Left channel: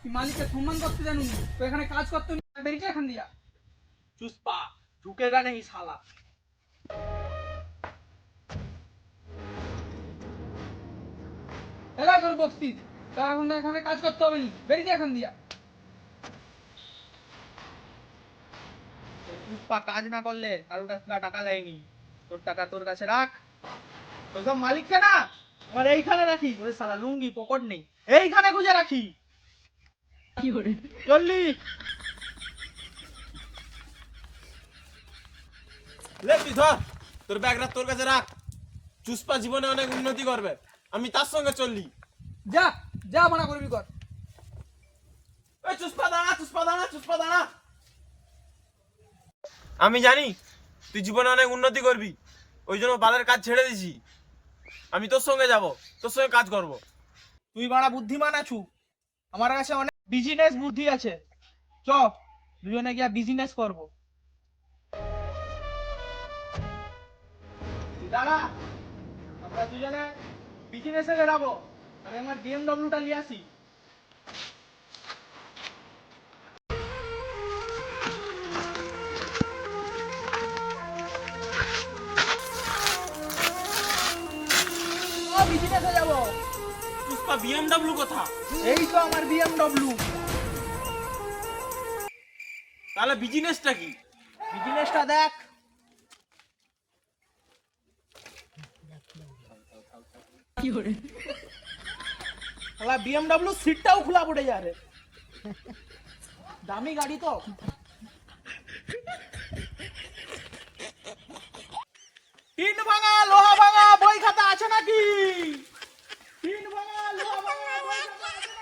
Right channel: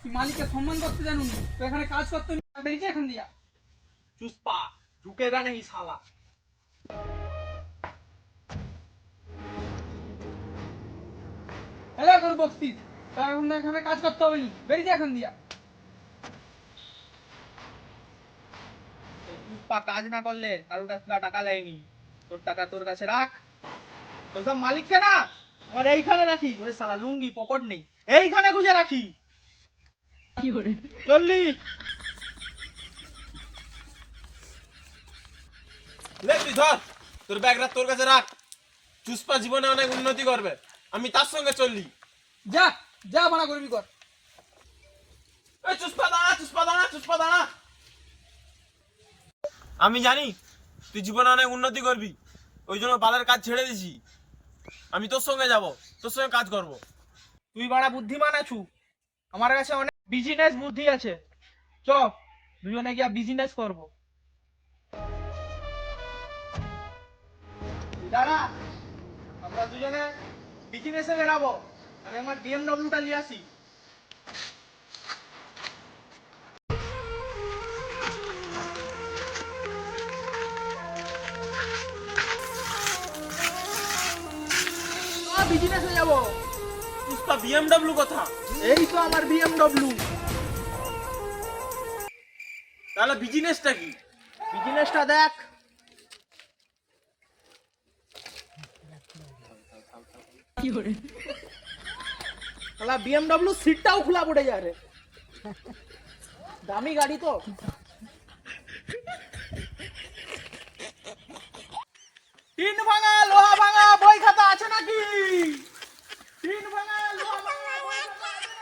তুই মালিককে সম্মান করতে জানুন, তো এখানে কাজ করতে বেরিয়েছে এখান দিয়া। चुस्पा झुकेगा नहीं साला। এলা তোর বক্সিস, তা এখন এখানে কাজ করতে হবে নি, বেরিয়েছে এখান দিয়া। चुस्पा কাজ না করলে কারোর কাছ থেকে টাকা দেয়নি, তোর টাকা তোর কাছে রাখ। তোর সব মালিককে না আমার এইখানে রাখি, ওরে সালা লুঙ্গি পকেট নেই, এইখানে গুজে রাখি। কি করে চললি লে তুই ধর, তোর ব্যাগটা তোর কাছে রাখ। চুস্পা জীবনে অনেক উন্নতি করবে, আমি তার সঙ্গে চললি। যা যা মানা করবি কর। ওই চুস্পা দাঁড়া, চুস্পা দাঁড়া, চুস্পা দাঁড়া। আমি জানি তুই জীবনে অনেক উন্নতি করবি, ওই জন্য বালের কাজ ছেড়ে দিছি। আমি তোর সঙ্গে যাব, তোর সঙ্গে কাজ করব। তুই বাড়া বুদ্ধিমান আছু, আমার কাছে অনেক বিজনেস বুদ্ধি আছে। চ দুজনে গিয়া বিজনেস করবো। দাঁড়া, আমরা দুজনে বিজনেসে বেরাবো। আমি আমার বিএমডব্লিউটা নিয়ে আসি। বিজনেসে যাবো। চুস্পা বিএমডব্লিউ কথা? এই তো আমার বিএমডব্লিউ। তাহলে বিজনেসটা কি? বিজনেসটা দেখ। কি করে শালা বিএমডব্লিউ সিটটাও খোলা পড়ে যায় রে, দামি গাড়ি তো। টিন ভাঙা লোহা